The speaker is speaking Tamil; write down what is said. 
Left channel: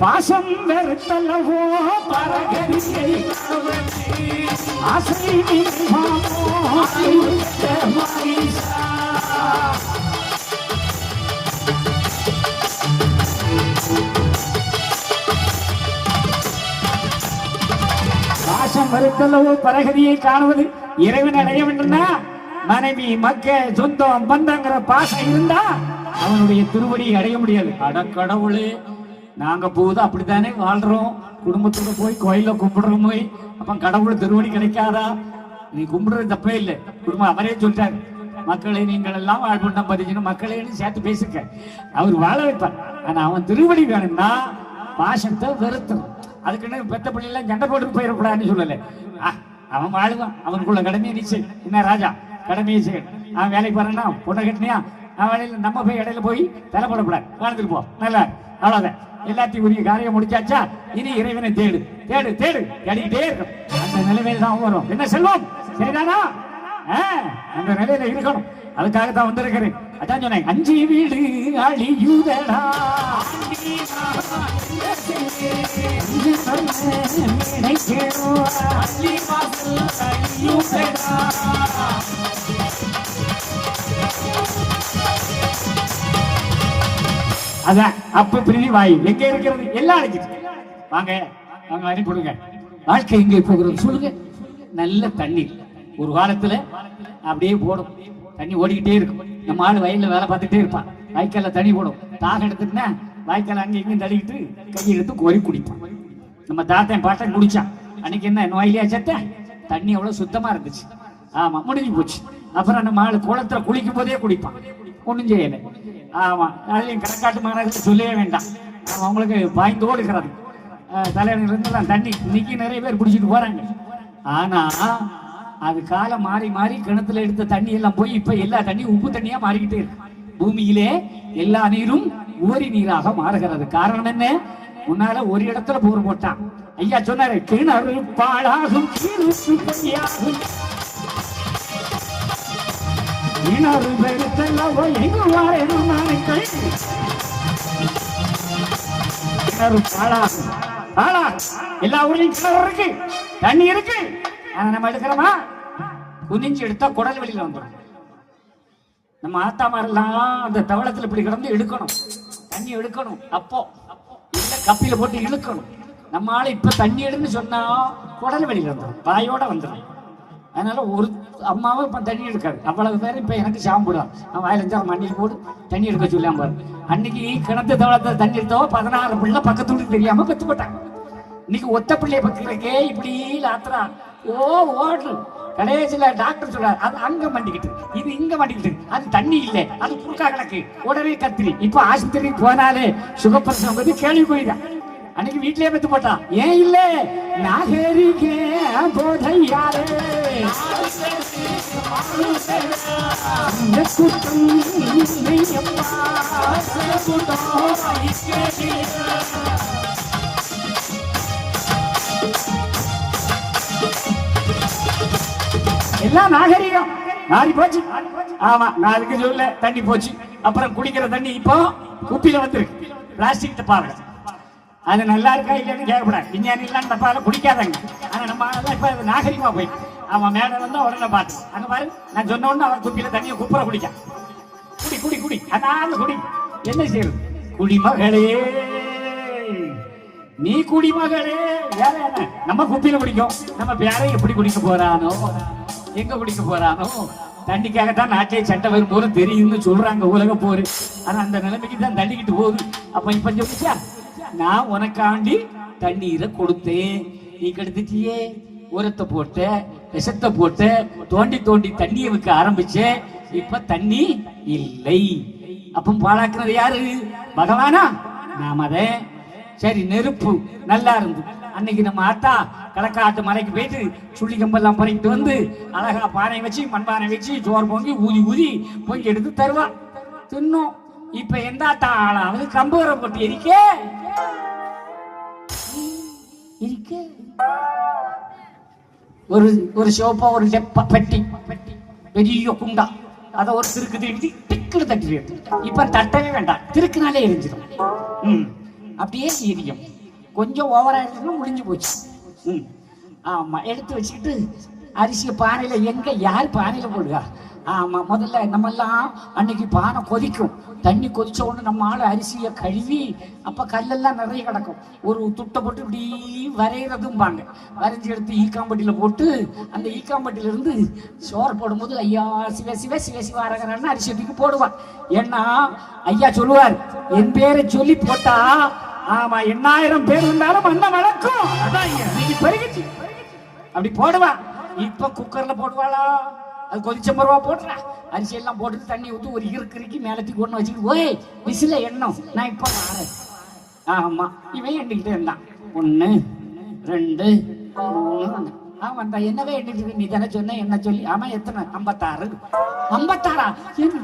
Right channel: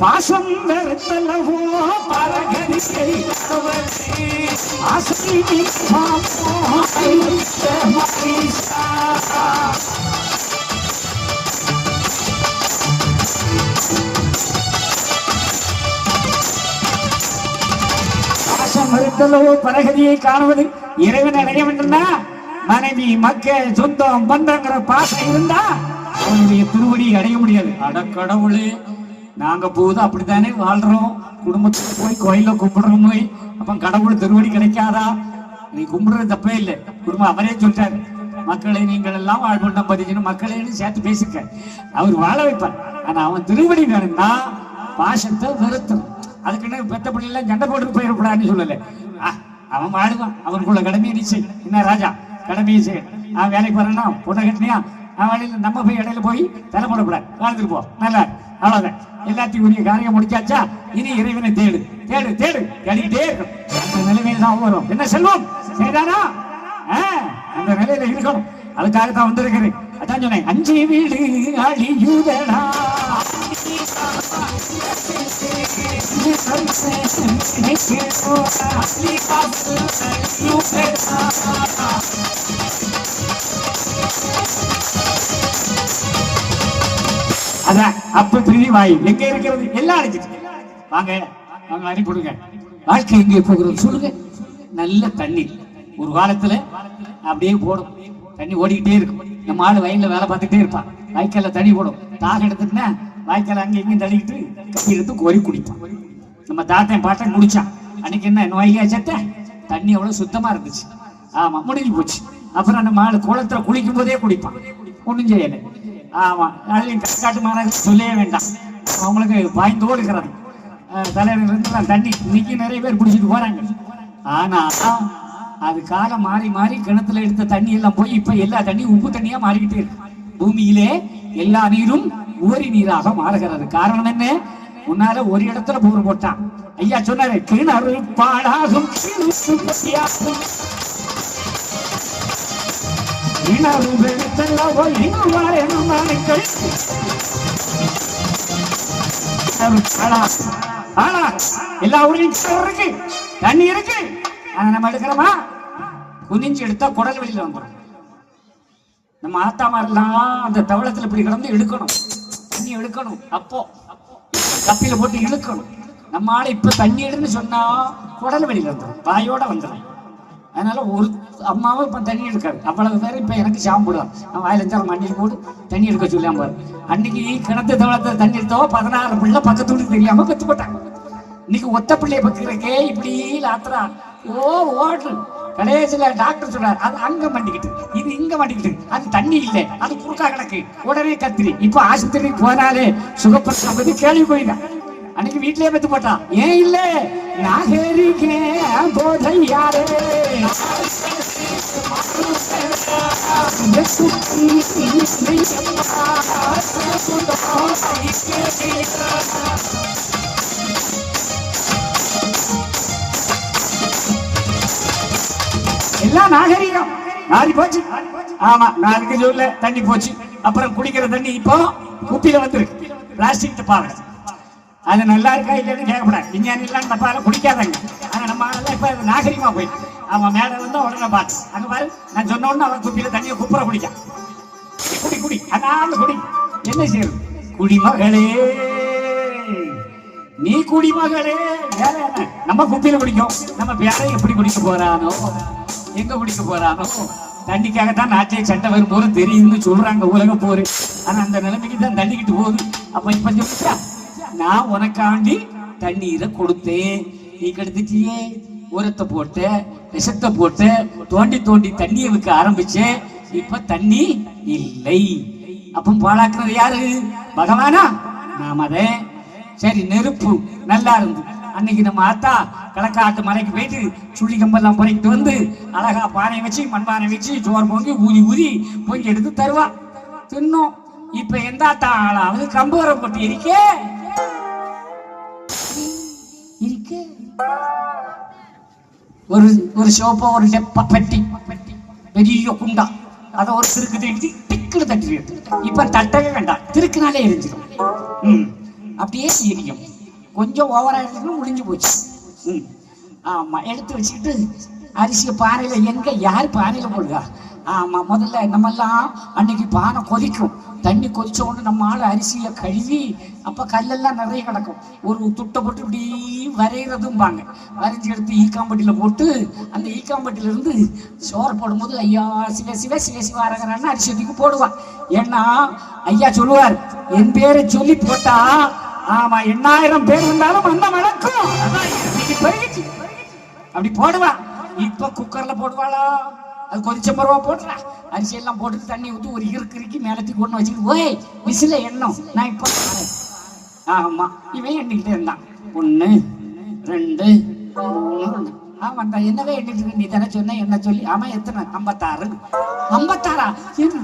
பாசம் வெறுத்தல்லவோ பரகதியை ஆசை பாசம் வெறுத்தல்லவோ பரகதியை காணுவது இறைவன் அடைய வேண்டும்னா மனைவி மக்கள் சொந்தம் பந்தங்கிற பாசம் இருந்தா அவனுடைய திருவடி அடைய முடியாது. அட கடவுளே, நாங்க போது அப்படித்தானே வாழ்றோம், குடும்பத்துல போய் கோயில கும்பிடுறோம், போய் அப்ப கடவுள் திருவடி கிடைக்காதா? நீ கும்பிடுறது தப்பே இல்லை. குடும்பம் அவரே சொல்லிட்டாரு, மக்களை நீங்கள் எல்லாம் வாழ்வுண்டம் பதிக்கணும், மக்களையும் சேர்த்து பேசிக்க, அவர் வாழ வைப்பார். ஆனா அவன் திருவடி வேணும்னா பாசத்தை வெறுத்தணும். அதுக்குன்னு பெத்த பிள்ளைலாம் சண்டை போட்டு போயிடக்கூடாதுன்னு சொல்லலை. அவன் வாழுவான், அவனுக்குள்ள கடமையை நிச்சயம். என்ன ராஜா கடமையை செய்ய, அவன் வேலைக்கு வரனா பொண்ணை கட்டினியா, அவன் வேலையில நம்ம போய் இடையில போய் தலை போடக்கூடாது, வாழ்ந்துட்டு போ, நல்லா அவ்வளவுதான். எல்லாத்தையும் உரிய காரியம் முடிச்சாச்சா, இனி இறைவனை தேடு தேடு தேடு தேடிக்கிட்டே இருக்கும். அந்த நிலைமையில தான் வரும். என்ன செல்வம் சரிதானா? அந்த நிலையில இருக்கணும். அதுக்காக தான் வந்திருக்கிறேன். அதான் சொன்னேன், அஞ்சு வீடு அழியுதடா அதான் அப்ப பிரிதி வாயு எங்க இருக்கிறது எல்லாம் அழைச்சிட்டு வாங்க வாங்க அனுப்பிடுங்க. வாழ்க்கை எங்கே போகிறது சொல்லுங்க. நல்ல தண்ணீர் ஒரு காலத்துல அப்படியே போடும், தண்ணி ஓடிக்கிட்டே இருக்கும். நம்ம ஆளு வயல்ல வேலை பார்த்துட்டே இருப்பான், வாய்க்கால தண்ணி போடும். தாக எடுத்துட்டுனா வாய்க்கால அங்கே இங்கேயும் தள்ளிக்கிட்டு கை எடுத்து கோரி குடிப்பான். நம்ம தாத்தன் பாட்டன் குடிச்சான். அன்னைக்கு என்ன நோயிலியா செத்த, தண்ணி அவ்வளவு சுத்தமா இருந்துச்சு. ஆமா, முடிஞ்சு போச்சு. அப்புறம் நம்ம ஆளு குளத்துல குளிக்கும் போதே குடிப்பான், ஒண்ணும் செய்யலை. ஆமா, அதுலயும் கற்காட்டு மாநகரம் சொல்லவே வேண்டாம், அவங்களுக்கு பாய்ந்தோடு இருக்கிறது தலையில இருந்து தண்ணி. இன்னைக்கு நிறைய பேர் பிடிச்சிட்டு போறாங்க. ஆனா அது காலம் மாறி மாறி கிணத்துல எடுத்த தண்ணி எல்லாம் போய் இப்ப எல்லா தண்ணியும் உப்பு தண்ணியா மாறிக்கிட்டே இருக்கு. பூமியிலே எல்லா நீரும் உவரி நீராக மாறுகிறது. காரணம் என்ன? முன்னால ஒரு இடத்துல போர் போட்டான். ஐயா சொன்னாரு, கிணறு பாழாகும் எல்லா ஊர்லயும் இருக்கு, தண்ணி இருக்கு. ஆனா நம்ம எடுக்கிறோமா? குனிஞ்சு எடுத்தா குடல் வெளியில வந்துடும். நம்ம ஆத்தாமாரெல்லாம் அந்த தவளத்துல இப்படி கிடந்து எடுக்கணும், தண்ணி எடுக்கணும். அப்போ கப்பில போட்டு இழுக்கணும். நம்ம ஆளை இப்ப தண்ணி எடுன்னு சொன்னா குடல் வெளியில வந்துடும், வாயோட வந்துடும். அதனால ஒரு அம்மாவும் இப்ப தண்ணி எடுக்காது. அவ்வளவு பேர் இப்ப எனக்கு சாம்பிடுவான். அவன் வாயில இருந்தாலும் மண்ணில் போட்டு தண்ணி எடுக்க சொல்லாம பாரு. அன்னைக்கு கிணத்து தவளத்தை தண்ணி எடுத்தவோ 16 பிள்ளை பக்கத்து வீட்டுக்கு தெரியாம பெத்து போட்டாங்க. இன்னைக்கு ஒத்த பிள்ளைய பக்கத்துக்கே இப்படி ஆத்துறா. ஓடு கடைசியில டாக்டர் சொல்றாரு, அது அங்க மாட்டிக்கிட்டு, இது இங்க மாட்டிக்கிட்டு, அது தண்ணி இல்லை, அது குறுக்கா கிடக்கு, உடனே கத்திரி. இப்ப ஆஸ்பத்திரிக்கு போனாலே சுகப்பிரசவம் பத்தி கேள்வி போயிதான். அன்னைக்கு வீட்டிலே பெத்து போட்டான். ஏன் இல்ல? எல்லாம் நாகரீகம் மாறி போச்சு. ஆமா, நாளுக்கு சொல்ல தண்ணி போச்சு. அப்புறம் குடிக்கிற தண்ணி இப்போ குப்பியில வந்துருக்கு, பிளாஸ்டிக் டப்பால. அது நல்லா இருக்கா இல்லைன்னு கேட்கக்கூடாது. விஞ்ஞானி எல்லாம் டப்பால குடிக்காதாங்க. ஆனா நம்ம இப்ப நாகரிகமா போயிட்டு அவன் மேல வந்து உடனே பார்த்து அங்க பாரு, நான் சொன்ன உடனே அவன் குப்பியில தண்ணியை குப்புற குடிக்க. குடி குடி குடி, அதனால குடி. என்ன செய்யும்? குடிமகளே, நீ குடிமகளே. வேற என்ன? நம்ம குப்பியில குடிக்கும். நம்ம பேரை எப்படி குடிக்க போறானோ, எங்க குடிக்க போறானோ. தண்ணிக்காகத்தான் நாட்டை சட்டை வரும் போது தெரியும்னு சொல்றாங்க உலக போரு. ஆனா அந்த நிலைமைக்கு தான் தண்ணிக்கிட்டு போகுது. அப்ப இப்ப சொல்றா, நான் உனக்காண்டி தண்ணீரை கொடுத்தேன், நீ கெடுத்துட்டியே. உரத்தை போட்ட, விஷத்தை போட்ட, தோண்டி தோண்டி தண்ணியை வைக்க ஆரம்பிச்ச. இப்ப தண்ணி இல்லை. அப்ப பாழாக்குறது யாரு? பகவானா? நாமதே. சரி, நெருப்பு நல்லா இருந்து அன்னைக்கு நம்ம ஆத்தா களக்காட்டு மலைக்கு போயிட்டு சுள்ளி கம்பெல்லாம் பொறிக்கிட்டு வந்து அழகா பானை வச்சு மண்பானை வச்சு சோறு பொங்கி ஊதி ஊதி பொங்கி எடுத்து தருவா, தின்னோம். இப்ப எந்த ஆத்தா ஆளாவது கம்பு வர போட்டு இருக்கே இருக்கு. ஒரு சோப்பா ஒரு பெட்டி பெரிய குண்டா, அதை ஒரு திருக்கு திட்டி டிக்குன்னு தட்டி. இப்ப தட்டவே வேண்டாம், திருக்குனாலே எரிஞ்சிடும். அப்படியே எரியும். கொஞ்சம் ஓவராயிடுச்சுன்னா முடிஞ்சு போச்சு. ஆமா, எடுத்து வச்சுக்கிட்டு அரிசியை பானையில, எங்க யார் பானையில போடுவா? ஆமா, முதல்ல நம்மெல்லாம் அன்னைக்கு பானை கொதிக்கும், தண்ணி கொதிச்ச உடனே நம்ம ஆள் அரிசியை கழுவி, அப்ப கல்லெல்லாம் நிறைய கிடக்கும், ஒரு துட்டை போட்டு இப்படி வரைகிறதும்பாங்க. வரைஞ்சி எடுத்து ஈக்காம்பட்டியில போட்டு, அந்த ஈக்காம்பட்டியில இருந்து சோறு போடும்போது ஐயா சிவ சிவ சிவ சிவ அரகரான்னு அரிசி தூக்கி போடுவான். ஏன்னா ஐயா சொல்லுவார், என் பேரை சொல்லி போட்டா ஆமா 8000 பேர் இருந்தாலும் மண்ணை நடக்கும். அப்படி போடுவா. இப்ப குக்கர்ல போடுவாளா? அது கொதிச்ச மரவா போட்டுறா, அரிசி எல்லாம் போட்டு தண்ணி ஊற்றி ஒரு இறுக்கி நிலத்துக்கு ஒன்று வச்சுக்கிட்டு ஓய் விசில எண்ணம் நான் இப்ப. ஆமா, இவன் எண்ணிக்கிட்டே இருந்தான். 1 2 3. ஆமா, என்னவே எண்ணிட்டு நீ தானே சொன்ன என்ன சொல்லி. ஆமா, எத்தனை? 56. 56?